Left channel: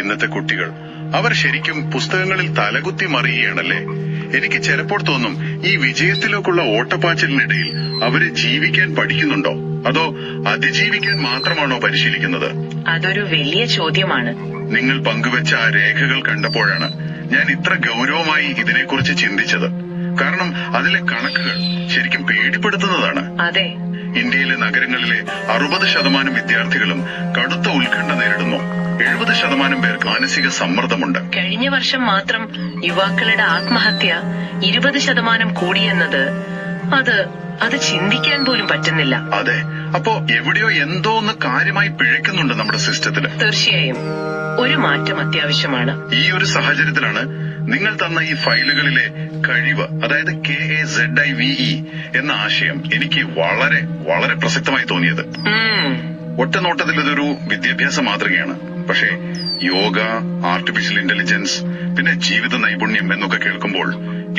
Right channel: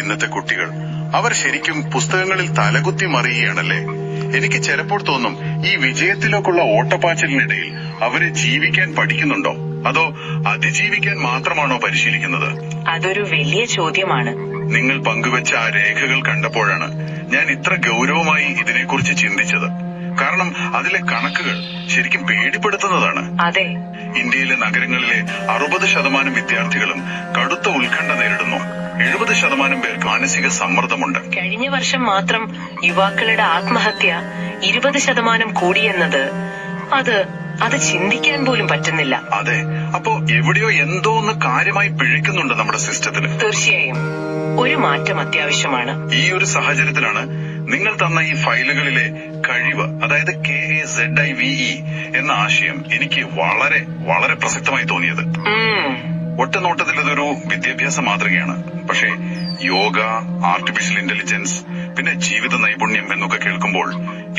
ഇന്നത്തെ കുട്ടികൾ അവർ ശരിക്കും പുസ്തകങ്ങളിൽ തലകുത്തി മറിയുകയാണല്ലേ. എനിക്ക് ചിലപ്പോൾ തോന്നും, ഈ വിജയത്തിലേക്കുള്ള ഓട്ടപ്പാച്ചിലിനിടയിൽ അവര് ജീവിക്കാൻ പഠിക്കുന്നുണ്ടോ, അതോ അതിജീവിക്കാൻ മാത്രമാണോ പരിശീലിക്കുന്നത്? അതൊരു വലിയ ചോദ്യമാണ്. നിങ്ങൾ പങ്കുവെച്ച ആ രേഖകൾ കണ്ടപ്പോഴാണ് ഞാൻ ഇത്ര ഗൗരവമായി ഇതിനെക്കുറിച്ച് ചിന്തിച്ചത്. കാരണം അതിലെ കണക്കുകൾ ശരിക്കും പേടിപ്പെടുത്തുന്നതാണ്. അതെ, ഇന്ത്യയിലെ നഗരങ്ങളിലെ 60% വിദ്യാർത്ഥികളും കടുത്ത ഉത്കണ്ഠ നേരിടുന്നു. 70% പേർക്ക് മാനസിക സമ്മർദ്ദമുണ്ട്. കഴിഞ്ഞ വർഷം മാത്രം യുവാക്കളുടെ ആത്മഹത്യ 20% കൂടിയെന്നത് അത് ചിന്തിക്കാൻ പോലും പറ്റുന്നില്ല. അതെ, അപ്പോ എവിടെയോ എന്തോ ഒന്ന് കാര്യമായി പിഴയ്ക്കുന്നുണ്ട് നമ്മുടെ സിസ്റ്റത്തില്. തീർച്ചയായും ഒരു മാറ്റം അത്യാവശ്യമാണ്. ഈ ഒരു സാഹചര്യത്തിലാണ് നിങ്ങൾ തന്ന ഈ ഫയലുകളിലെ കഴിവ്, അതായത് KAZIVE എന്ന ആശയം എനിക്ക് വളരെ വളരെ പ്രസക്തമായി തോന്നിയത്. ഒറ്റനോട്ടത്തിൽ ഇതൊരു വിദ്യാഭ്യാസ മാതൃകയാണ്. പക്ഷേ യോഗ, ആർട്ടിഫിഷ്യൽ ഇന്റലിജൻസ്, പിന്നെ ജീവിത നൈപുണ്യം എന്നൊക്കെ കേൾക്കുമ്പോൾ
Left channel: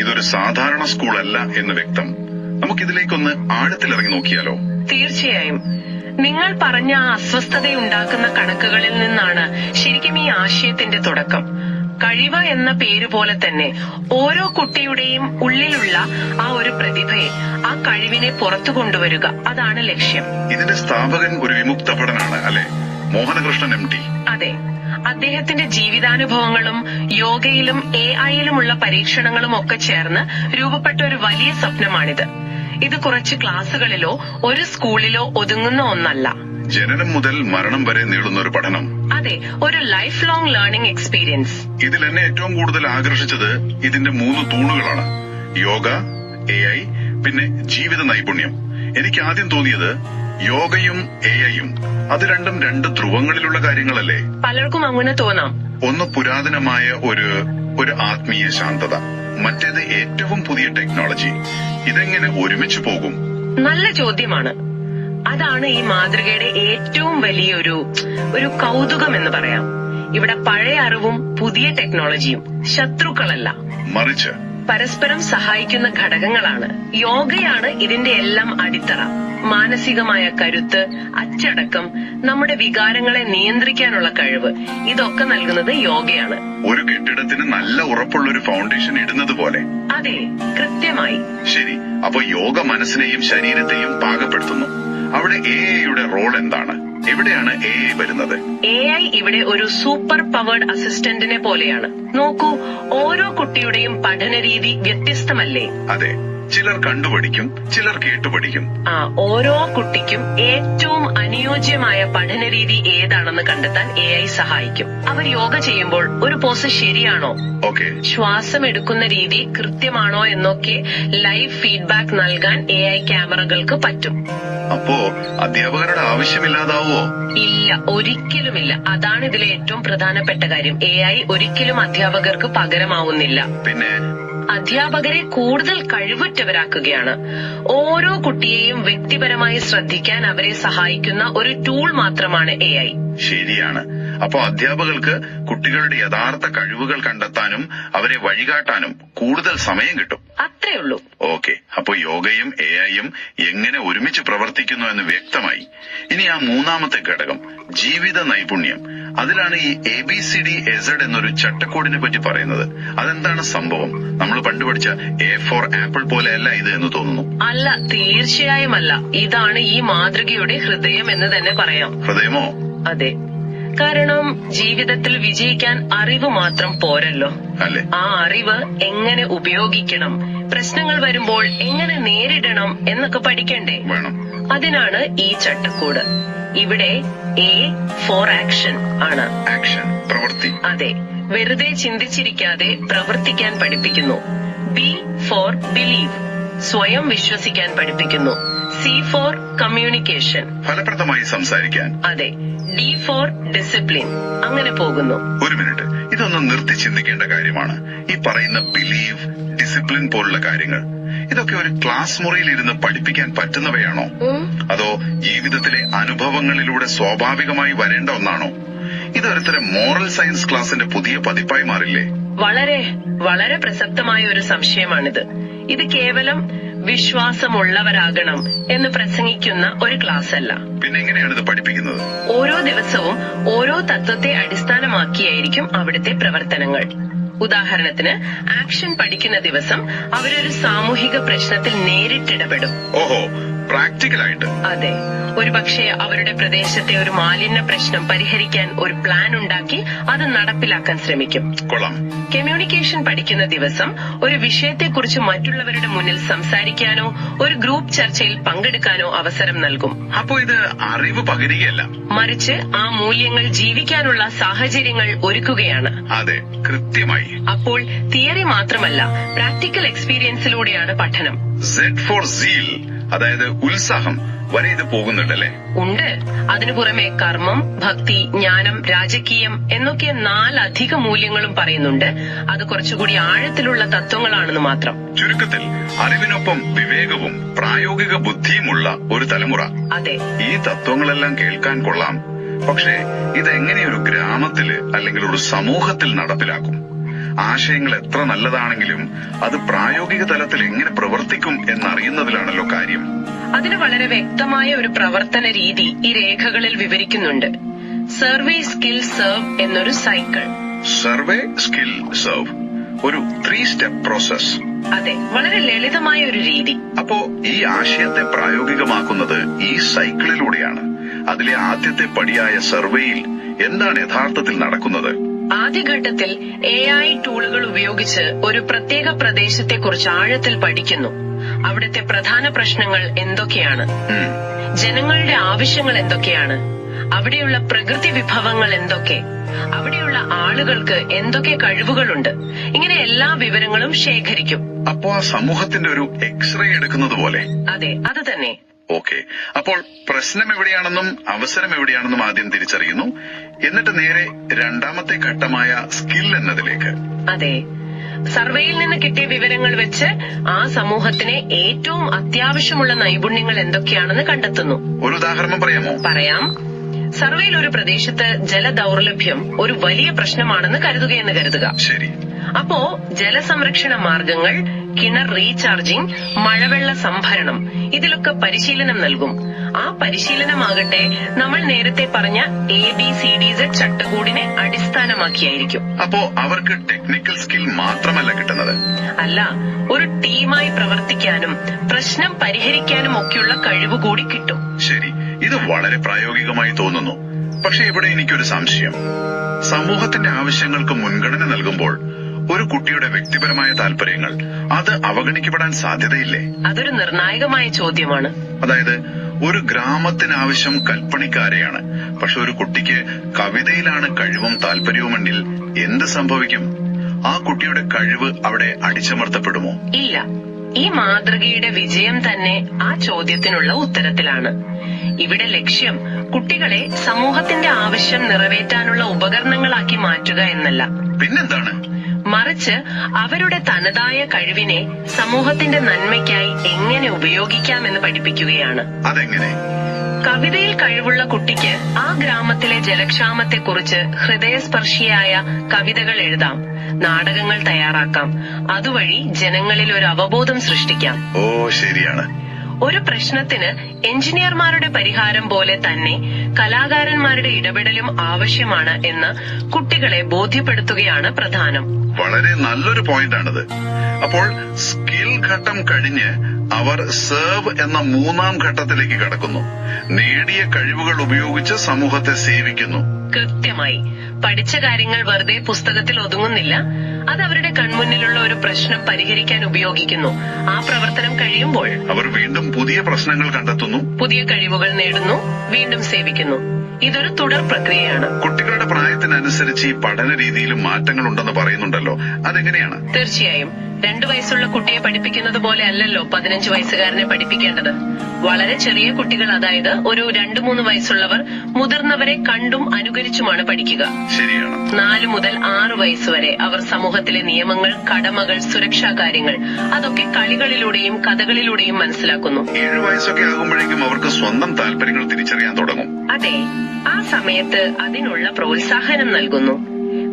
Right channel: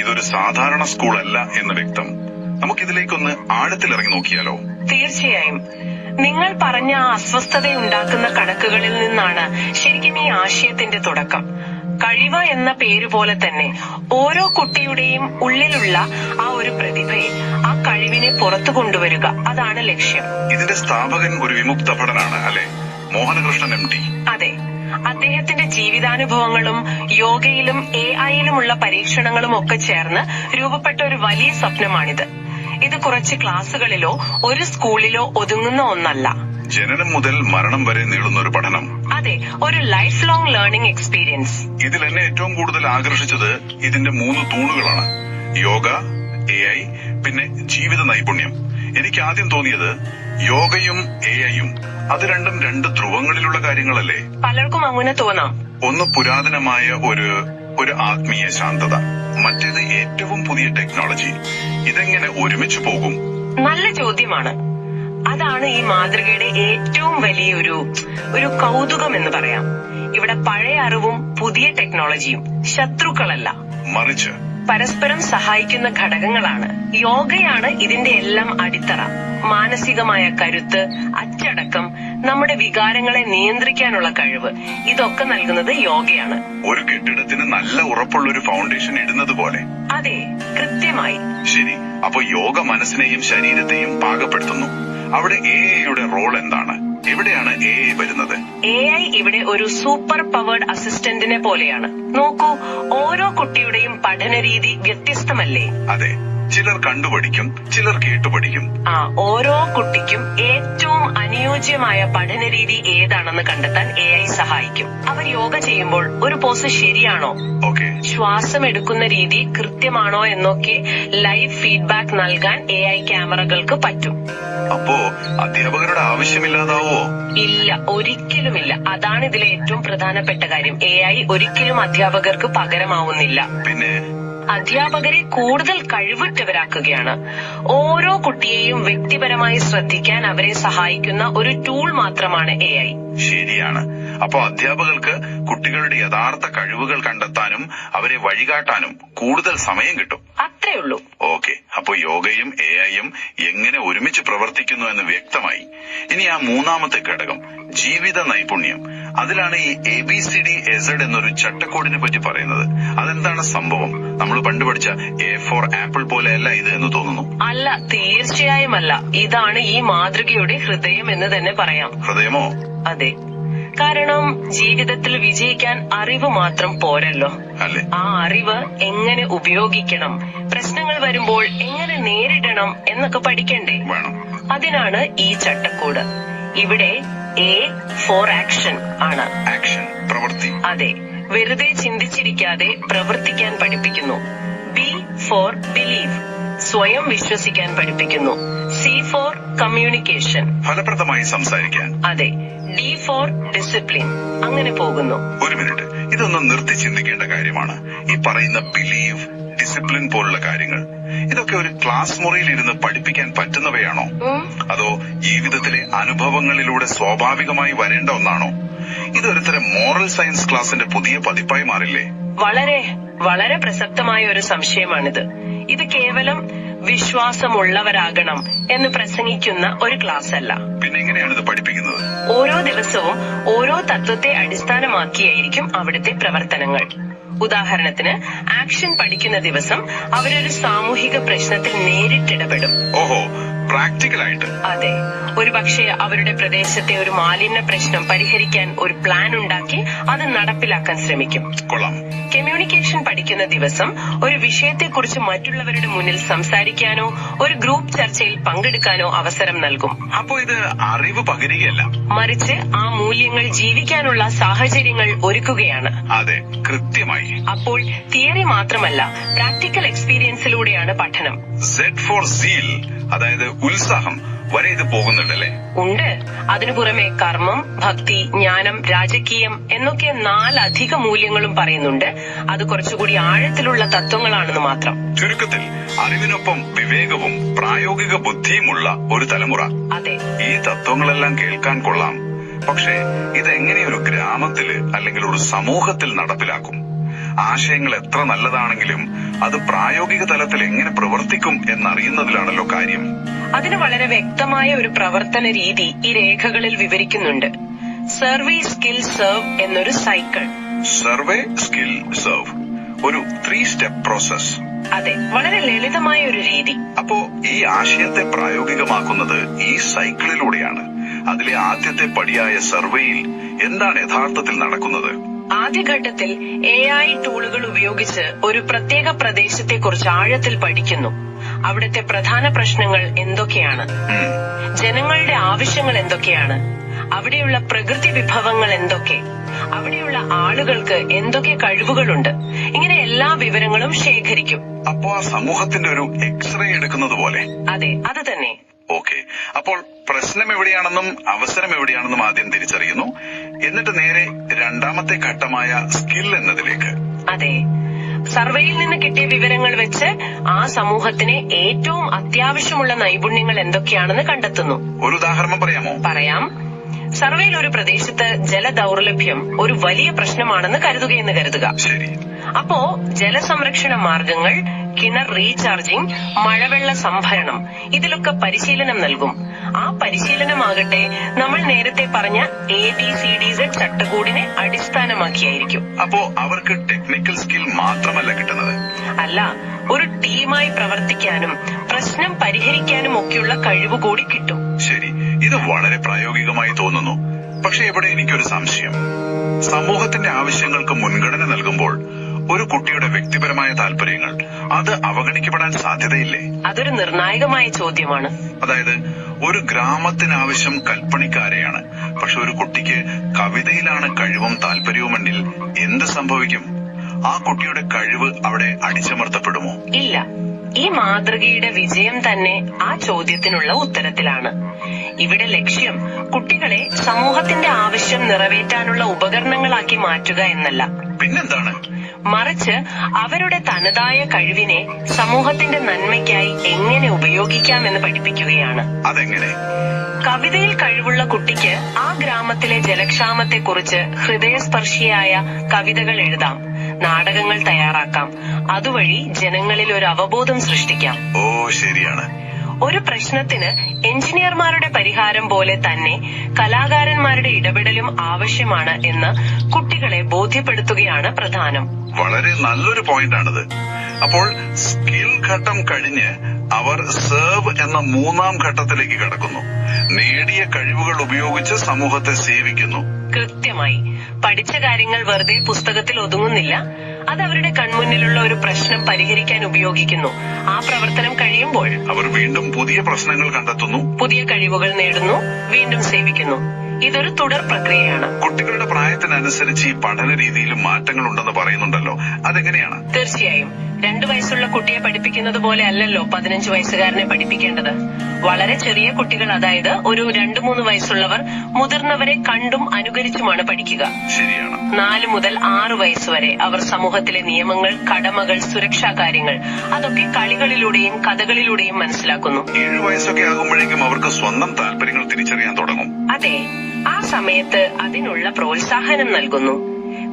ഇതൊരു സാധാരണ സ്കൂളല്ല എന്ന് വ്യക്തം. നമുക്കിതിലേക്കൊന്ന് ആഴത്തിലിറങ്ങി നോക്കിയാലോ? തീർച്ചയായും. നിങ്ങൾ പറഞ്ഞ ആ അസ്വസ്ഥതയുണ്ടാക്കുന്ന കണക്കുകളിൽ നിന്നാണ് ശരിക്കും ഈ ആശയത്തിന്റെ തുടക്കം. കഴിവ് എന്ന പേര് പോലെ തന്നെ ഓരോ കുട്ടിയുടെയും ഉള്ളിലുള്ള ആ ഒരു പ്രതിഭയെ, ആ കഴിവിനെ പുറത്തു കൊണ്ടുവരിക, അതാണ് ലക്ഷ്യം. ഇതിന്റെ സ്ഥാപകൻ ഒരു വിമുക്ത ഭടനാണ് അല്ലെ, മോഹനകൃഷ്ണൻ MT. അതെ, അദ്ദേഹത്തിന്റെ ജീവിതാനുഭവങ്ങളും യോഗയിലും AI-യിലുമുള്ള പരീക്ഷണങ്ങളും ഒക്കെ ചേർന്ന് രൂപപ്പെട്ട ഒരു വലിയ സ്വപ്നമാണിത്. ഇത് കുറച്ച് ക്ലാസുകളിലോ ഒരു സ്കൂളിലോ ഒതുങ്ങുന്ന ഒന്നല്ല. ജനനം മുതൽ മരണം വരെ നീളുന്ന ഒരു പഠനം. അതെ, ഒരു ലൈഫ് ലോങ് ലേണിംഗ് എക്സ്പീരിയൻസ്. ഇതിൽ എന്നെ ഏറ്റവും കൂടുതൽ ആകർഷിച്ചത് ഇതിന്റെ 3 തൂണുകളാണ്: യോഗ, AI, പിന്നെ ജീവിത നൈപുണ്യം. എനിക്ക് ആദ്യം തോന്നിയത് യോഗയും AIയും അത് രണ്ടും 2 ധ്രുവങ്ങളിലുള്ള കാര്യങ്ങളല്ലേ? പലർക്കും അങ്ങനെ തോന്നാം. ഒന്ന് പുരാതനമായ ഒരു ആത്മീയ ശാന്തത, മറ്റേത് ഏറ്റവും പുതിയ ടെക്നോളജി. ഇതെങ്ങനെ ഒരുമിച്ച് പോകും? നല്ല ചോദ്യമാണ്. അതാണ് ഈ മാതൃകയുടെ ഏറ്റവും വലിയൊരു കൗതുകം എന്ന് പറയാം. ഇവിടെ പഴയ അറിവും പുതിയ ടെക്നോളജിയും ശത്രുക്കളല്ല, മറിച്ച് പരസ്പരം സഹായിക്കുന്ന ഘടകങ്ങളാണ്. യോഗയാണ് ഇതിന്റെ എല്ലാം അടിത്തറ. മാനസികമായ കരുത്ത്, അച്ചടക്കം, നമ്മുടെ വികാരങ്ങളെ നിയന്ത്രിക്കാനുള്ള കഴിവ്, ഇതൊക്കെ നൽകുന്നത് യോഗയാണ്. ഒരു കെട്ടിടത്തിന് നല്ല ഉറപ്പുള്ളൊരു ഫൗണ്ടേഷൻ ഇടുന്നത് പോലെ. അതെ, കൃത്യമായി. ശരി, അപ്പൊ യോഗ മനസ്സിനെയും ശരീരത്തെയും പാകപ്പെടുത്തുന്നു. അവിടെ AIയുടെ റോൾ എന്താണ്? എവിടെയാണ് AI വരുന്നത്? AI ഇവിടെ ഒരു സൂപ്പർ പവേർഡ് അസിസ്റ്റന്റിനെ പോലെയാണ്. നോക്കൂ, ഓരോ കുട്ടിയുടെയും പഠനരീതി വ്യത്യസ്തമല്ലേ? അതെ, ചിലർ കണ്ടുപഠിക്കും, ചിലർ കേട്ടുപഠിക്കും. ഓരോ കുട്ടിക്കും ഏറ്റവും അനുയോജ്യമായ പഠനരീതി ഏതാണെന്ന് കണ്ടെത്താൻ AI സഹായിക്കും. അവർ യോഗ ചെയ്യുമ്പോൾ ഒരു പോസ് ശരിയാണോ, ശ്വാസം എടുക്കുന്ന രീതി കൃത്യമാണോ എന്നൊക്കെ ലൈവ് ഫീഡ്ബാക്ക് നൽകാൻ AI ക്യാമറകൾക്ക് പറ്റും. അപ്പോ അധ്യാപകരുടെ ആവശ്യമില്ലാതാവോ? ഇല്ല, ഒരിക്കലുമില്ല. അതാണ് ഇതിലെ ഏറ്റവും പ്രധാനപ്പെട്ട കാര്യം. AI ഒരിക്കലും അധ്യാപകർക്ക് പകരമാവുന്നില്ല. പിന്നെ അധ്യാപകരെ കൂടുതൽ കഴിവുറ്റവരാക്കുകയാണ്. ഓരോ കുട്ടിയെയും വ്യക്തിപരമായി ശ്രദ്ധിക്കാൻ അവരെ സഹായിക്കുന്ന ഒരു ടൂൾ മാത്രമാണ് AI. ശരിയാണ്. അപ്പോ അധ്യാപകർക്ക് കുട്ടികളുടെ യഥാർത്ഥ കഴിവുകൾ കണ്ടെത്താനും അവരെ വഴികാട്ടാനും കൂടുതൽ സമയം കിട്ടും. അത്രേ ഉള്ളൂ. ഓക്കെ, അപ്പോ യോഗയും AIയും എങ്ങനെ ഒരുമിച്ച് പ്രവർത്തിക്കുന്നു എന്ന് വ്യക്തമായി. ഇനി ആ മൂന്നാമത്തെ ഘടകം, ജീവിത നൈപുണ്യം. അതിലാണ് ഈ ABCDZ എന്നൊരു ചട്ടക്കൂടിനെ പറ്റി പറയുന്നത്. അതെന്താണ് സംഭവം? നമ്മൾ പണ്ട് പഠിച്ച A for ആപ്പിൾ പോലെയല്ല ഇത് എന്ന് തോന്നുന്നു. അല്ല, തീർച്ചയായും അല്ല. ഇതാണ് ഈ മാതൃകയുടെ ഹൃദയം എന്ന് തന്നെ പറയാം. ഹൃദയമോ? അതെ, കാരണം ജീവിതത്തിൽ വിജയിക്കാൻ അറിവ് മാത്രം പോരല്ലോ. അല്ലേ? ആ അറിവ് എങ്ങനെ ഉപയോഗിക്കണം, പ്രശ്നങ്ങൾ വരുമ്പോൾ എങ്ങനെ നേരിടണം എന്നൊക്കെ പഠിക്കണ്ടേ? വേണം. അതിനാണ് ഈ ചട്ടക്കൂട്. ഇവിടെ A for ആക്ഷൻ ആണ്. ആക്ഷൻ, പ്രവൃത്തി. അതെ, വെറുതെ ചിന്തിച്ചിരിക്കാതെ പ്രവർത്തിക്കാൻ പഠിപ്പിക്കുന്നു. B for ബിലീവ്, സ്വയം വിശ്വസിക്കാൻ പഠിപ്പിക്കുന്നു. C for കമ്മ്യൂണിക്കേഷൻ, ഫലപ്രദമായി സംസാരിക്കാൻ. അതെ. D for discipline. അങ്ങനെ പോകുന്നു. ഒരു മിനിറ്റ്, ഇതൊന്ന് നിർത്തി ചിന്തിക്കേണ്ട കാര്യമാണ്. ഈ പറയുന്ന ബിലീവ്, ഡിസിപ്ലിൻ പോലുള്ള കാര്യങ്ങൾ, ഇതൊക്കെ ഒരു ക്ലാസ് മുറിയിൽ ഇരുന്ന് പഠിപ്പിക്കാൻ പറ്റുന്നവയാണോ, അതോ ജീവിതത്തിലെ അനുഭവങ്ങളിലൂടെ സ്വാഭാവികമായി വരേണ്ട ഒന്നാണോ? ഇതൊരുതരം മോറൽ സയൻസ് ക്ലാസിന്റെ പുതിയ പതിപ്പായി മാറില്ലേ? വളരെ വളരെ പ്രസക്തമായ ഒരു സംശയമാണിത്. ഇത് കേവലം വിശ്വാസമുള്ളവരാകണം എന്ന് പ്രസംഗിക്കുന്ന ഒരു ക്ലാസ് അല്ല. പിന്നെ എങ്ങനെയാണ് ഇത് പഠിപ്പിക്കുന്നത്? ഓരോ ദിവസവും ഓരോ തത്വത്തെ അടിസ്ഥാനമാക്കിയായിരിക്കും അവിടുത്തെ പ്രവർത്തനങ്ങൾ. ഉദാഹരണത്തിന്, ആക്ഷൻ പഠിക്കുന്ന ദിവസം അവരൊരു സാമൂഹിക പ്രശ്നത്തിൽ നേരിട്ടിടപെടും. ഓഹോ, പ്രാക്ടിക്കലായിട്ട്. അതെ, ഒരുപക്ഷെ അവരുടെ പ്രദേശത്തെ ഒരു മാലിന്യ പ്രശ്നം പരിഹരിക്കാൻ ഒരു പ്ലാൻ ഉണ്ടാക്കി അത് നടപ്പിലാക്കാൻ ശ്രമിക്കും. കൊള്ളാം. കമ്മ്യൂണിക്കേഷൻ പഠിക്കുന്ന ദിവസം ഒരു വിഷയത്തെക്കുറിച്ച് മറ്റുള്ളവരുടെ മുന്നിൽ സംസാരിക്കാനോ ഒരു ഗ്രൂപ്പ് ചർച്ചയിൽ പങ്കെടുക്കാനോ അവസരം നൽകും. അപ്പോ ഇത് അറിവ് പകരുകയല്ല, മറിച്ച് ആ മൂല്യങ്ങൾ ജീവിക്കാനുള്ള സാഹചര്യങ്ങൾ ഒരുക്കുകയാണ്. അതെ, കൃത്യമായി. അപ്പോൾ തിയറി മാത്രമല്ല, പ്രാക്ടിക്കൽ എക്സ്പീരിയൻസിലൂടെയാണ് പഠനം. Z for zeal, അതായത് ഉത്സാഹം വരെ ഇത് പോകുന്നുണ്ടല്ലേ? ഉണ്ട്. അതിനു പുറമെ കർമ്മം, ഭക്തി, ജ്ഞാനം, രാജകീയം എന്നൊക്കെ 4 അധിക മൂല്യങ്ങളും പറയുന്നുണ്ട്. അത് കുറച്ചുകൂടി ആഴത്തിലുള്ള തത്വങ്ങളാണെന്ന് മാത്രം. ചുരുക്കത്തിൽ അറിവിനൊപ്പം വിവേകവും പ്രായോഗിക ബുദ്ധിയുമുള്ള ഒരു തലമുറ. അതെ, ഈ തത്വങ്ങളെല്ലാം കേൾക്കാൻ കൊള്ളാം. പക്ഷേ ഇതെങ്ങനെ ഒരു ഗ്രാമത്തില് അല്ലെങ്കിൽ ഒരു സമൂഹത്തിൽ നടപ്പിലാക്കും? ആശയങ്ങൾ എത്ര നല്ലതാണെങ്കിലും അത് പ്രായോഗിക തലത്തിൽ എങ്ങനെ പ്രവർത്തിക്കും എന്നറിയുന്നതിലാണല്ലോ കാര്യം. അതിന് വളരെ വ്യക്തമായ ഒരു പ്രവർത്തന രീതി ഈ രേഖകളിൽ വിവരിക്കുന്നുണ്ട്. സർവേ, സ്കിൽ, സെർവ് എന്നൊരു സൈക്കിൾ. സർവേ, സ്കിൽ, സെർവ്, ഒരു 3 സ്റ്റെപ്പ് പ്രോസസ്. അതെ, വളരെ ലളിതമായ ഒരു രീതി. അപ്പോ ഈ ആശയത്തെ പ്രായോഗികമാക്കുന്നത് ഈ സൈക്കിളിലൂടെയാണ്. അതിലെ ആദ്യത്തെ പടിയായ സർവേയിൽ എന്താണ് യഥാർത്ഥത്തിൽ നടക്കുന്നത്? ആദ്യഘട്ടത്തിൽ AI ടൂളുകൾ ഉപയോഗിച്ച് ഒരു പ്രത്യേക പ്രദേശത്തെക്കുറിച്ച് ആഴത്തിൽ പഠിക്കുന്നു. അവിടുത്തെ പ്രധാന പ്രശ്നങ്ങൾ എന്തൊക്കെയാണ്, ജനങ്ങളുടെ ആവശ്യങ്ങൾ എന്തൊക്കെയാണ്, അവിടെയുള്ള പ്രകൃതി വിഭവങ്ങൾ എന്തൊക്കെ, അവിടെയുള്ള ആളുകൾക്ക് എന്തൊക്കെ കഴിവുകളുണ്ട്, ഇങ്ങനെ എല്ലാ വിവരങ്ങളും ശേഖരിക്കും. അപ്പോ ആ സമൂഹത്തിന്റെ ഒരു എക്സ്റേ എടുക്കുന്നത് പോലെ. അതെ, അത് തന്നെ. ഓക്കെ, അപ്പോൾ പ്രശ്നം എവിടെയാണെന്നും അവസരം എവിടെയാണെന്നും ആദ്യം തിരിച്ചറിയുന്നു. എന്നിട്ട് നേരെ രണ്ടാമത്തെ ഘട്ടമായ സ്കിൽ എന്നതിലേക്ക്. അതെ, സർവേയിൽ നിന്ന് കിട്ടിയ വിവരങ്ങൾ വെച്ച് ആ സമൂഹത്തിന് ഏറ്റവും അത്യാവശ്യമുള്ള നൈപുണ്യങ്ങൾ എന്തൊക്കെയാണെന്ന് കണ്ടെത്തുന്നു. ഒരു ഉദാഹരണം പറയാമോ? പറയാം. സർവേയിൽ ഒരു പ്രദേശത്ത് ജലദൗർലഭ്യം ഒരു വലിയ പ്രശ്നമാണെന്ന് കരുതുക. ശരി. അപ്പോ ജലസംരക്ഷണ മാർഗങ്ങൾ, കിണർ റീചാർജിംഗ്, മഴവെള്ള സംഭരണം, ഇതിലൊക്കെ പരിശീലനം നൽകും. ആ പരിശീലനമാകട്ടെ നമ്മൾ നേരത്തെ പറഞ്ഞ ABCDZ ചട്ടക്കൂടിനെ അടിസ്ഥാനമാക്കിയായിരിക്കും. അപ്പോ അവർക്ക് ടെക്നിക്കൽ സ്കിൽ മാത്രമല്ല കിട്ടുന്നത്. അല്ല, ഒരു ടീമായി പ്രവർത്തിക്കാനും പ്രശ്നം പരിഹരിക്കാനും ഒക്കെയുള്ള കഴിവ് കൂടി കിട്ടും. ശരി, ഇത് വളരെ പ്രായോഗികമായി തോന്നുന്നു. പക്ഷെ ഇവിടെ എനിക്കൊരു സംശയം. സമൂഹത്തിന്റെ ആവശ്യങ്ങൾക്ക് മുൻഗണന നൽകുമ്പോൾ ഒരു കുട്ടിയുടെ വ്യക്തിപരമായ താല്പര്യങ്ങൾ അത് അവഗണിക്കപ്പെടാൻ സാധ്യതയില്ലേ? അതൊരു നിർണായകമായ ചോദ്യമാണ്. അതായത് ഒരു ഗ്രാമത്തിന് ആവശ്യം കൽപ്പണിക്കാരെയാണ്. പക്ഷെ ഒരു കുട്ടിക്ക് കവിതയിലാണ് കഴിവും താല്പര്യവുമെങ്കിൽ എന്ത് സംഭവിക്കും? ആ കുട്ടിയുടെ കഴിവ് അവിടെ അടിച്ചമർത്തപ്പെടുമോ? ഇല്ല. ഈ മാതൃകയുടെ വിജയം തന്നെ ആ ചോദ്യത്തിനുള്ള ഉത്തരത്തിലാണ്. ഇവിടെ ലക്ഷ്യം കുട്ടികളെ സമൂഹത്തിന്റെ ആവശ്യം നിറവേറ്റാനുള്ള ഉപകരണങ്ങളാക്കി മാറ്റുക എന്നല്ല. പിന്നെന്താണ്? മറിച്ച് അവരുടെ തനതായ കഴിവിനെ സമൂഹത്തിന്റെ നന്മയ്ക്കായി എങ്ങനെ ഉപയോഗിക്കാമെന്ന് പഠിപ്പിക്കുകയാണ്. അതെങ്ങനെ? കവിതയിൽ കഴിവുള്ള കുട്ടിക്ക് ആ ഗ്രാമത്തിലെ ജലക്ഷാമത്തെക്കുറിച്ച് ഹൃദയസ്പർശിയായ കവിതകൾ എഴുതാം, നാടകങ്ങൾ തയ്യാറാക്കാം. അതുവഴി ജനങ്ങളിൽ ഒരു അവബോധം സൃഷ്ടിക്കാം. ഓ, ശരിയാണ്. ഒരു പ്രശ്നത്തിന് എഞ്ചിനീയർമാരുടെ പരിഹാരം പോലെ തന്നെ കലാകാരന്മാരുടെ ഇടപെടലും ആവശ്യമാണ് എന്ന് കുട്ടികളെ ബോധ്യപ്പെടുത്തുകയാണ് പ്രധാനം. വളരെ നല്ലൊരു പോയിന്റാണിത്. അപ്പോൾ സ്കിൽ ഘട്ടം കഴിഞ്ഞ് അവർ സെർവ് എന്ന 3-ാം ഘട്ടത്തിലേക്ക് കടക്കുന്നു. നേടിയ കഴിവുകൾ ഉപയോഗിച്ച് സമൂഹത്തെ സേവിക്കുന്നു. കൃത്യമായി. പഠിച്ച കാര്യങ്ങൾ വെറുതെ പുസ്തകത്തിൽ ഒതുങ്ങുന്നില്ല. അത് അവരുടെ കൺമുന്നിലുള്ള ഒരു പ്രശ്നം പരിഹരിക്കാൻ ഉപയോഗിക്കുന്നു. ആ പ്രവർത്തനം കഴിയുമ്പോൾ അവർ വീണ്ടും പുതിയ പ്രശ്നങ്ങൾ കണ്ടെത്തുന്നു, പുതിയ കഴിവുകൾ നേടുന്നു, വീണ്ടും സേവിക്കുന്നു. ഇതൊരു തുടർ പ്രക്രിയയാണ്. കുട്ടികളുടെ പ്രായത്തിനനുസരിച്ച് ഈ പഠന രീതിയിലും മാറ്റങ്ങൾ ഉണ്ടെന്ന് പറയുന്നുണ്ടല്ലോ, അതെങ്ങനെയാണ്? തീർച്ചയായും. 2 വയസ്സുള്ള കുട്ടിയെ പഠിപ്പിക്കുന്നത് പോലെ അല്ലല്ലോ 15 വയസ്സുകാരനെ പഠിപ്പിക്കേണ്ടത്. വളരെ ചെറിയ കുട്ടികൾ, അതായത് ഒരു 2-3 വയസ്സുള്ളവർ മുതിർന്നവരെ കണ്ടും അനുകരിച്ചുമാണ് പഠിക്കുക. ശരിയാണ്. 4 മുതൽ 6 വയസ്സുവരെ അവർ സമൂഹത്തിലെ നിയമങ്ങൾ, കടമകൾ, സുരക്ഷാ കാര്യങ്ങൾ അതൊക്കെ കളികളിലൂടെയും കഥകളിലൂടെയും മനസ്സിലാക്കുന്നു. 7 വയസ്സൊക്കെ ആകുമ്പോഴേക്കും അവർക്ക് സ്വന്തം താല്പര്യങ്ങൾ തിരിച്ചറിയാൻ തുടങ്ങും. അതെ, ആ സമയത്ത് അതിനുള്ള പ്രോത്സാഹനം നൽകുന്നു.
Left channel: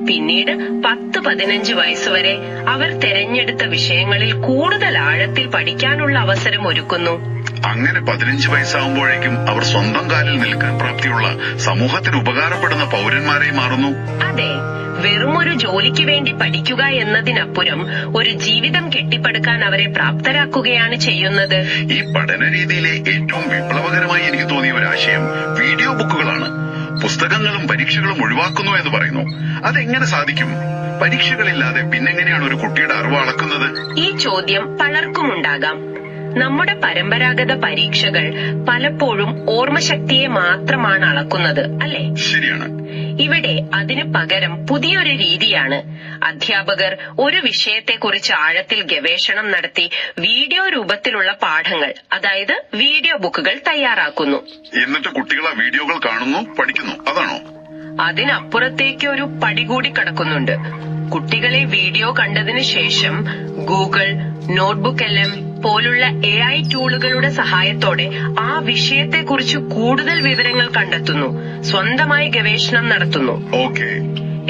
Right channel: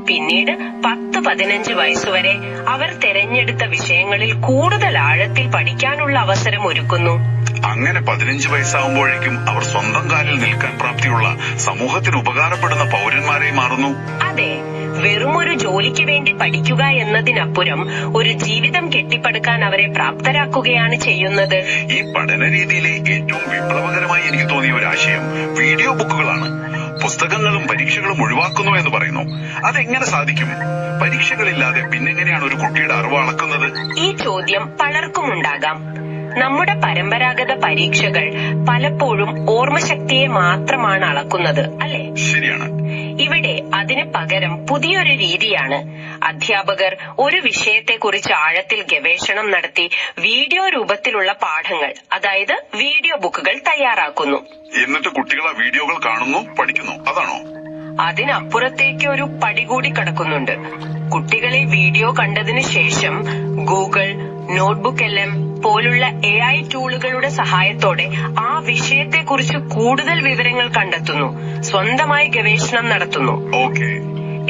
പിന്നീട് 10-15 വയസ്സുവരെ അവർ തെരഞ്ഞെടുത്ത വിഷയങ്ങളിൽ കൂടുതൽ ആഴത്തിൽ പഠിക്കാനുള്ള അവസരം ഒരുക്കുന്നു. അങ്ങനെ 15 വയസ്സാകുമ്പോഴേക്കും അവർ സ്വന്തം കാലിൽ നിൽക്കാൻ പ്രാപ്തിയുള്ള സമൂഹത്തിന് ഉപകാരപ്പെടുന്ന പൗരന്മാരെ മാറുന്നു. അതെ, വെറുമൊരു ജോലിക്ക് വേണ്ടി പഠിക്കുക എന്നതിനപ്പുറം ഒരു ജീവിതം കെട്ടിപ്പടുക്കാൻ അവരെ പ്രാപ്തരാക്കുകയാണ് ചെയ്യുന്നത്. ഈ പഠന രീതിയിലെ ഏറ്റവും വിപ്ലവകരമായി എനിക്ക് തോന്നിയ ഒരു ആശയം വീഡിയോ ബുക്കുകളാണ്. പുസ്തകങ്ങളും പരീക്ഷകളും ഒഴിവാക്കുന്നു എന്ന് പറയുന്നു. അതെങ്ങനെ സാധിക്കും? പരീക്ഷകളില്ലാതെ പിന്നെങ്ങനെയാണ് ഒരു കുട്ടിയുടെ അറിവ് അളക്കുന്നത്? ഈ ചോദ്യം പലർക്കും ഉണ്ടാകാം. നമ്മുടെ പരമ്പരാഗത പരീക്ഷകൾ പലപ്പോഴും ഓർമ്മശക്തിയെ മാത്രമാണ് അളക്കുന്നത്, അല്ലെ? ശരിയാണ്. ഇവിടെ അതിന് പകരം പുതിയൊരു രീതിയാണ്. അധ്യാപകർ ഒരു വിഷയത്തെക്കുറിച്ച് ആഴത്തിൽ ഗവേഷണം നടത്തി വീഡിയോ രൂപത്തിലുള്ള പാഠങ്ങൾ, അതായത് വീഡിയോ ബുക്കുകൾ തയ്യാറാക്കുന്നു. എന്നിട്ട് കുട്ടികൾ ആ വീഡിയോകൾ കാണുന്നു, പഠിക്കുന്നു, അതാണോ? അതിനപ്പുറത്തേക്ക് ഒരു പടി കൂടി കടക്കുന്നുണ്ട്. കുട്ടികളെ വീഡിയോ കണ്ടതിനു ശേഷം ഗൂഗിൾ, നോട്ട്ബുക്ക് LM പോലുള്ള AI ടൂളുകളുടെ സഹായത്തോടെ ആ വിഷയത്തെക്കുറിച്ച് കൂടുതൽ വിവരങ്ങൾ കണ്ടെത്തുന്നു, സ്വന്തമായി ഗവേഷണം നടത്തുന്നു.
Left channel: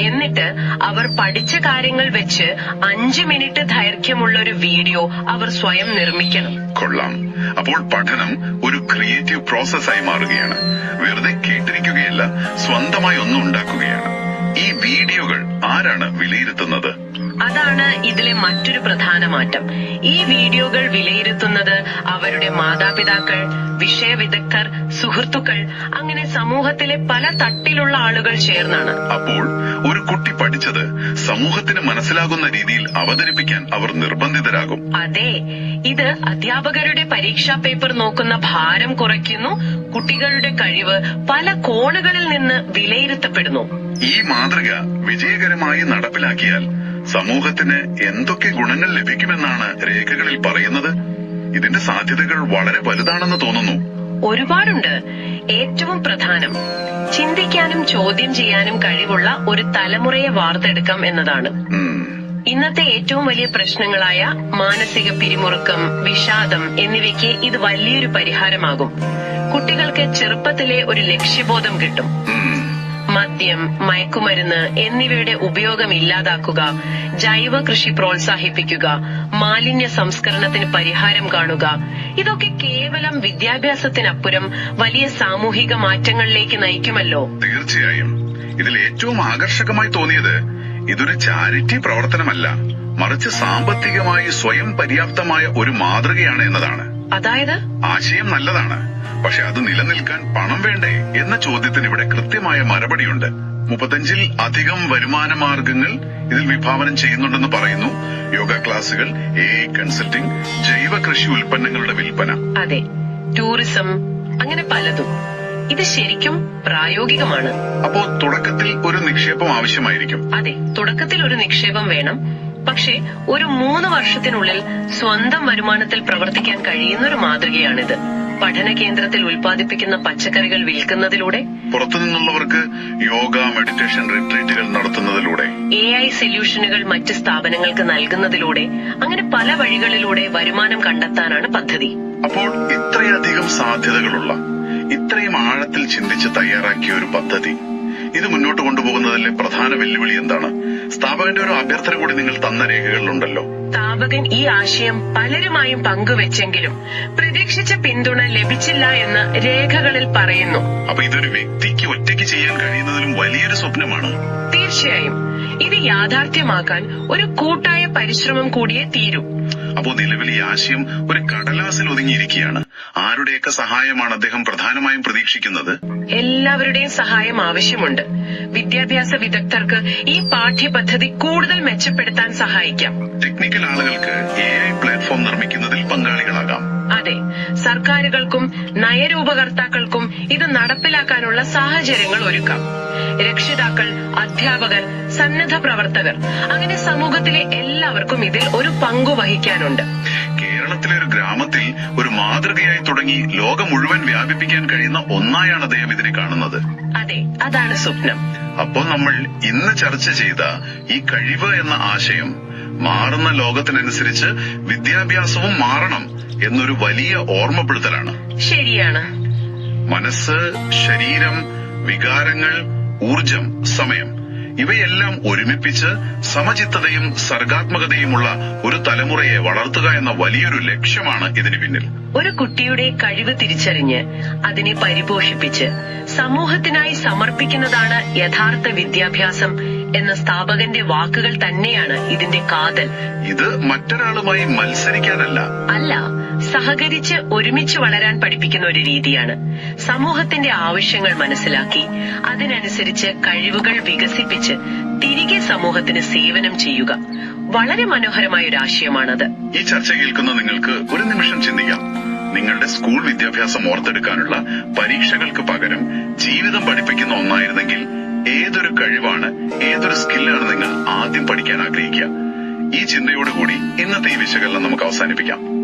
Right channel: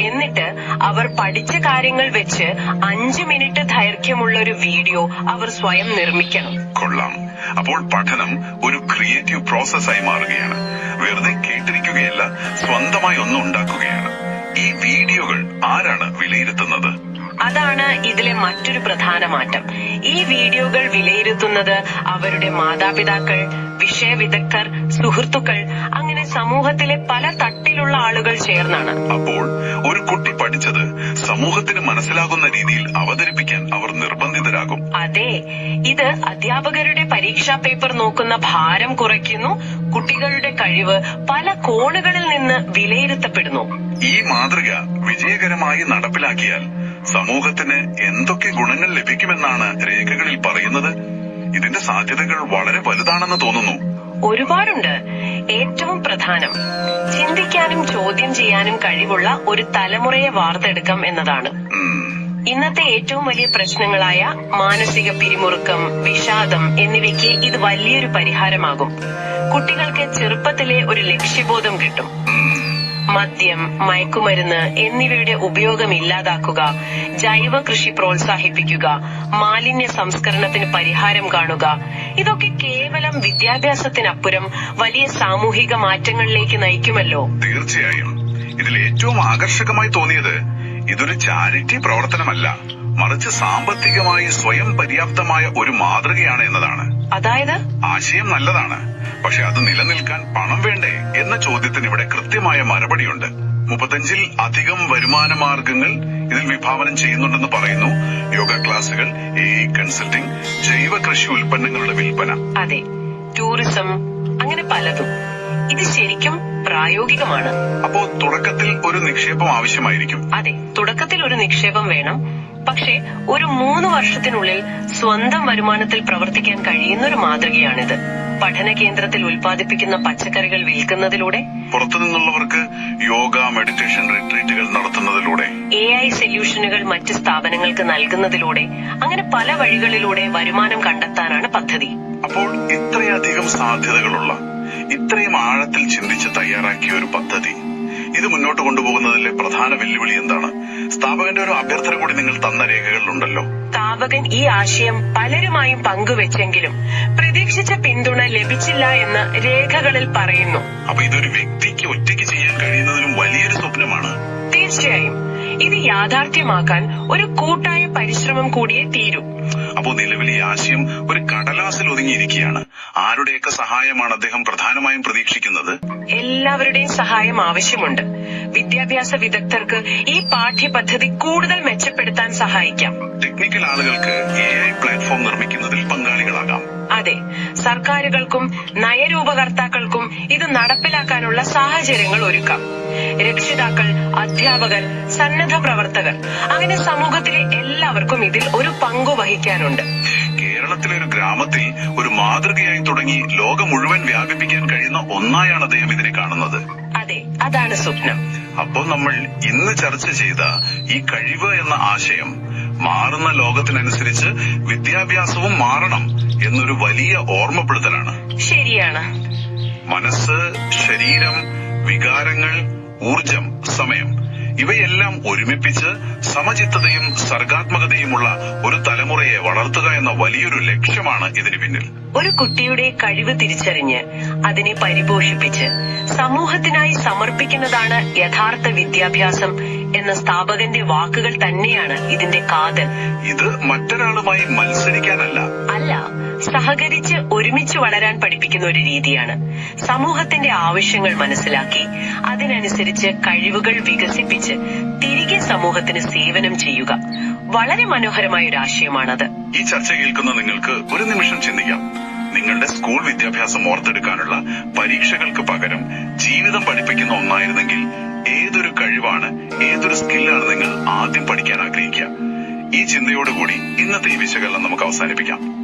എന്നിട്ട് അവർ പഠിച്ച കാര്യങ്ങൾ വെച്ച് 5 മിനിറ്റ് ദൈർഘ്യമുള്ള ഒരു വീഡിയോ അവർ സ്വയം നിർമ്മിക്കണം. കൊള്ളാം. അപ്പോൾ പഠനം ഒരു ക്രിയേറ്റീവ് പ്രോസസ്സായി മാറുകയാണ്. വെറുതെ കേട്ടിരിക്കുകയല്ല, സ്വന്തമായി ഒന്നും ഉണ്ടാക്കുകയാണ്. ഈ വീഡിയോകൾ ആരാണ് വിലയിരുത്തുന്നത്? അതാണ് ഇതിലെ മറ്റൊരു പ്രധാന മാറ്റം. ഈ വീഡിയോകൾ വിലയിരുത്തുന്നത് അവരുടെ മാതാപിതാക്കൾ, വിഷയവിദഗ്ധർ, സുഹൃത്തുക്കൾ, അങ്ങനെ സമൂഹത്തിലെ പല തട്ടിലുള്ള ആളുകൾ ചേർന്നാണ്. അപ്പോൾ ഒരു കുട്ടി പഠിച്ചത് സമൂഹത്തിന് മനസ്സിലാകുന്ന രീതിയിൽ അവതരിപ്പിക്കാൻ അവർ നിർബന്ധിതരാകും. അതെ, ഇത് അധ്യാപകരുടെ പരീക്ഷാ പേപ്പർ നോക്കുന്ന ഭാരം കുറയ്ക്കുന്നു. കുട്ടികളുടെ കഴിവ് പല കോണുകളിൽ നിന്ന് വിലയിരുത്തപ്പെടുന്നു. ഈ മാതൃക വിജയകരമായി നടപ്പിലാക്കിയാൽ സമൂഹത്തിന് എന്തൊക്കെ ഗുണങ്ങൾ ലഭിക്കുമെന്നാണ് രേഖകളിൽ പറയുന്നത്? ഇതിന്റെ സാധ്യതകൾ വളരെ വലുതാണെന്ന് തോന്നുന്നു. ഒരുപാടുണ്ട്. ഏറ്റവും പ്രധാനം ചിന്തിക്കാനും ചോദ്യം ചെയ്യാനും കഴിവുള്ള ഒരു തലമുറയെ വാർത്തെടുക്കാം എന്നതാണ്. ഇന്നത്തെ ഏറ്റവും വലിയ പ്രശ്നങ്ങളായ മാനസിക പിരിമുറുക്കം, വിഷാദം എന്നിവയ്ക്ക് ഇത് വലിയൊരു പരിഹാരമാകും. കുട്ടികൾക്ക് ചെറുപ്പത്തിലെ ഒരു ലക്ഷ്യബോധം കിട്ടും. മദ്യം, മയക്കുമരുന്ന് എന്നിവയുടെ ഉപയോഗം ഇല്ലാതാക്കുക, ജൈവ കൃഷി പ്രോത്സാഹിപ്പിക്കുക, മാലിന്യ സംസ്കരണത്തിന് പരിഹാരം കാണുക, ഇതൊക്കെ കേവലം വിദ്യാഭ്യാസത്തിനപ്പുറം വലിയ സാമൂഹിക മാറ്റങ്ങളിലേക്ക് നയിക്കുമല്ലോ. തീർച്ചയായും. ഇതിൽ ഏറ്റവും ആകർഷകമായി തോന്നിയത് ഇതൊരു ചാരിറ്റി പ്രവർത്തനമല്ല, മറിച്ച് സാമ്പത്തികമായി സ്വയം പര്യാപ്തമായ ഒരു മാതൃകയാണ് എന്നതാണ്. അതായത് ആശയം നല്ലതാണ്, പക്ഷെ അത് നിലനിൽക്കാൻ പണം വേണ്ടേ എന്ന ചോദ്യത്തിന് ഇവിടെ കൃത്യമായ മറുപടിയുണ്ട്. 35-ൽ അധികം വരുമാന മാർഗങ്ങൾ ഇതിൽ വിഭാവനം ചെയ്യുന്നുണ്ടെന്ന് പറയുന്നു. യോഗ ക്ലാസുകൾ, AI കൺസൾട്ടിംഗ്, ജൈവ കൃഷി ഉൽപ്പന്നങ്ങളുടെ വിൽപ്പന, അതെ, ടൂറിസം, അങ്ങനെ പലതും. ഇത് ശരിക്കും പ്രായോഗികമാണ്. അപ്പോ തുടക്കത്തിൽ ഒരു നിക്ഷേപം ആവശ്യമായിരിക്കും. അതെ, തുടക്കത്തിൽ ഒരു നിക്ഷേപം വേണം. പക്ഷേ ഒരു 3 വർഷത്തിനുള്ളിൽ സ്വന്തം വരുമാനത്തിൽ പ്രവർത്തിക്കാൻ കഴിയുന്ന ഒരു മാതൃകയാണിത്. പഠന കേന്ദ്രത്തിൽ ഉൽപ്പാദിപ്പിക്കുന്ന പച്ചക്കറികൾ വിൽക്കുന്നതിലൂടെ, പുറത്തുനിന്നുള്ളവർക്ക് യോഗ, മെഡിറ്റേഷൻ റിട്രീറ്റുകൾ നടത്തുന്നതിലൂടെ, AI സൊല്യൂഷനുകൾ മറ്റ് സ്ഥാപനങ്ങൾക്ക് നൽകുന്നതിലൂടെ, അങ്ങനെ പല വഴികളിലൂടെ വരുമാനം കണ്ടെത്താനാണ് പദ്ധതി. അപ്പോൾ ഇത്രയധികം സാധ്യതകളുള്ള, ഇത്രയും ആഴത്തിൽ ചിന്തിച്ച് തയ്യാറാക്കിയ ഒരു പദ്ധതി, ഇത് മുന്നോട്ട് കൊണ്ടുപോകുന്നതിലെ പ്രധാന വെല്ലുവിളി എന്താണ്? സ്ഥാപകന്റെ ഒരു അഭ്യർത്ഥന കൂടി നിങ്ങൾ തന്ന രേഖകളിലുണ്ടല്ലോ. സ്ഥാപകൻ ഈ ആശയം പലരുമായും പങ്കുവെച്ചെങ്കിലും പ്രതീക്ഷിച്ച പിന്തുണ ലഭിച്ചില്ല എന്ന് രേഖകളിൽ പറയുന്നു. അപ്പൊ ഇതൊരു വ്യക്തിക്ക് ഒറ്റയ്ക്ക് ചെയ്യാൻ കഴിയുന്നതിലും വലിയൊരു സ്വപ്നമാണ്. തീർച്ചയായും. ഇത് യാഥാർത്ഥ്യമാക്കാൻ ഒരു കൂട്ടായ പരിശ്രമം കൂടിയേ തീരൂ. അപ്പോ നിലവിൽ ഈ ആശയം ഒരു കടലാസിൽ ഒതുങ്ങിയിരിക്കുകയാണ്. ആരുടെയൊക്കെ സഹായമാണ് അദ്ദേഹം പ്രധാനമായും പ്രതീക്ഷിക്കുന്നത്? എല്ലാവരുടെയും സഹായം ആവശ്യമുണ്ട്. വിദ്യാഭ്യാസ വിദഗ്ധർക്ക് ഈ പാഠ്യപദ്ധതി കൂടുതൽ മെച്ചപ്പെടുത്താൻ സഹായിക്കാം. ടെക്നിക്കൽ ആളുകൾക്ക് AI പ്ലാറ്റ്ഫോം നിർമ്മിക്കുന്നതിൽ പങ്കാളികളാകാം. അതെ, സർക്കാരുകൾക്കും നയരൂപകർത്താക്കൾക്കും ഇത് നടപ്പിലാക്കാനുള്ള സാഹചര്യങ്ങൾ ഒരുക്കാം. രക്ഷിതാക്കൾ, അധ്യാപകർ, സന്നദ്ധ പ്രവർത്തകർ, അങ്ങനെ സമൂഹത്തിലെ എല്ലാവർക്കും ഇതിൽ ഒരു പങ്കു വഹിക്കാനുണ്ട്. കേരളത്തിലെ ഒരു ഗ്രാമത്തിൽ ഒരു മാതൃകയായി തുടങ്ങി ലോകം മുഴുവൻ വ്യാപിപ്പിക്കാൻ കഴിയുന്ന ഒന്നായാണ് അദ്ദേഹം ഇതിനെ കാണുന്നത്. അതെ, അതാണ് സ്വപ്നം. അപ്പോൾ നമ്മൾ ഇന്ന് ചർച്ച ചെയ്ത ഈ കഴിവ് എന്ന ആശയം മാറുന്ന ലോകത്തിനനുസരിച്ച് വിദ്യാഭ്യാസവും മാറണം എന്നൊരു വലിയ ഓർമ്മപ്പെടുത്തലാണ്. ശരിയാണ്. മനസ്സ്, ശരീരം, വികാരങ്ങൾ, ഊർജം, സമയം ഇവയെല്ലാം ഒരുമിപ്പിച്ച് സമചിത്തതയും സർഗാത്മകതയുമുള്ള ഒരു തലമുറയെ വളർത്തുക എന്ന വലിയൊരു ലക്ഷ്യമാണ് ഇതിന് പിന്നിൽ. ഒരു കുട്ടിയുടെ കഴിവ് തിരിച്ചറിഞ്ഞ് അതിനെ പരിപോഷിപ്പിച്ച് സമൂഹത്തിനായി സമർപ്പിക്കുന്നതാണ് യഥാർത്ഥ വിദ്യാഭ്യാസം എന്ന സ്ഥാപകന്റെ വാക്കുകൾ തന്നെയാണ് ഇതിന്റെ കാതൽ. ഇത് മറ്റൊരാളുമായി മത്സരിക്കാനല്ല, അല്ല, സഹകരിച്ച് ഒരുമിച്ച് വളരാൻ പഠിപ്പിക്കുന്ന ഒരു രീതിയാണ്. സമൂഹത്തിന്റെ ആവശ്യങ്ങൾ മനസ്സിലാക്കി അതിനനുസരിച്ച് കഴിവുകൾ വികസിപ്പിച്ച് തിരികെ സമൂഹത്തിന് സേവനം ചെയ്യുക. വളരെ മനോഹരമായ ഒരു ആശയമാണത്. ഈ ചർച്ച കേൾക്കുന്ന നിങ്ങൾക്ക് ഒരു നിമിഷം ചിന്തിക്കാം. നിങ്ങളുടെ സ്കൂൾ വിദ്യാഭ്യാസം ഓർത്തെടുക്കാനുള്ള പരീക്ഷകൾക്ക് പകരം ജീവിതം പഠിപ്പിക്കുന്ന ഒന്നായിരുന്നെങ്കിൽ ഏതൊരു കഴിവാണ്, ഏതൊരു സ്കില്ലാണ് നിങ്ങൾ ആദ്യം പഠിക്കാൻ ആഗ്രഹിക്കുക? ഈ ചിന്തയോടുകൂടി ഇന്നത്തെ ഈ വിശകലനം നമുക്ക് അവസാനിപ്പിക്കാം.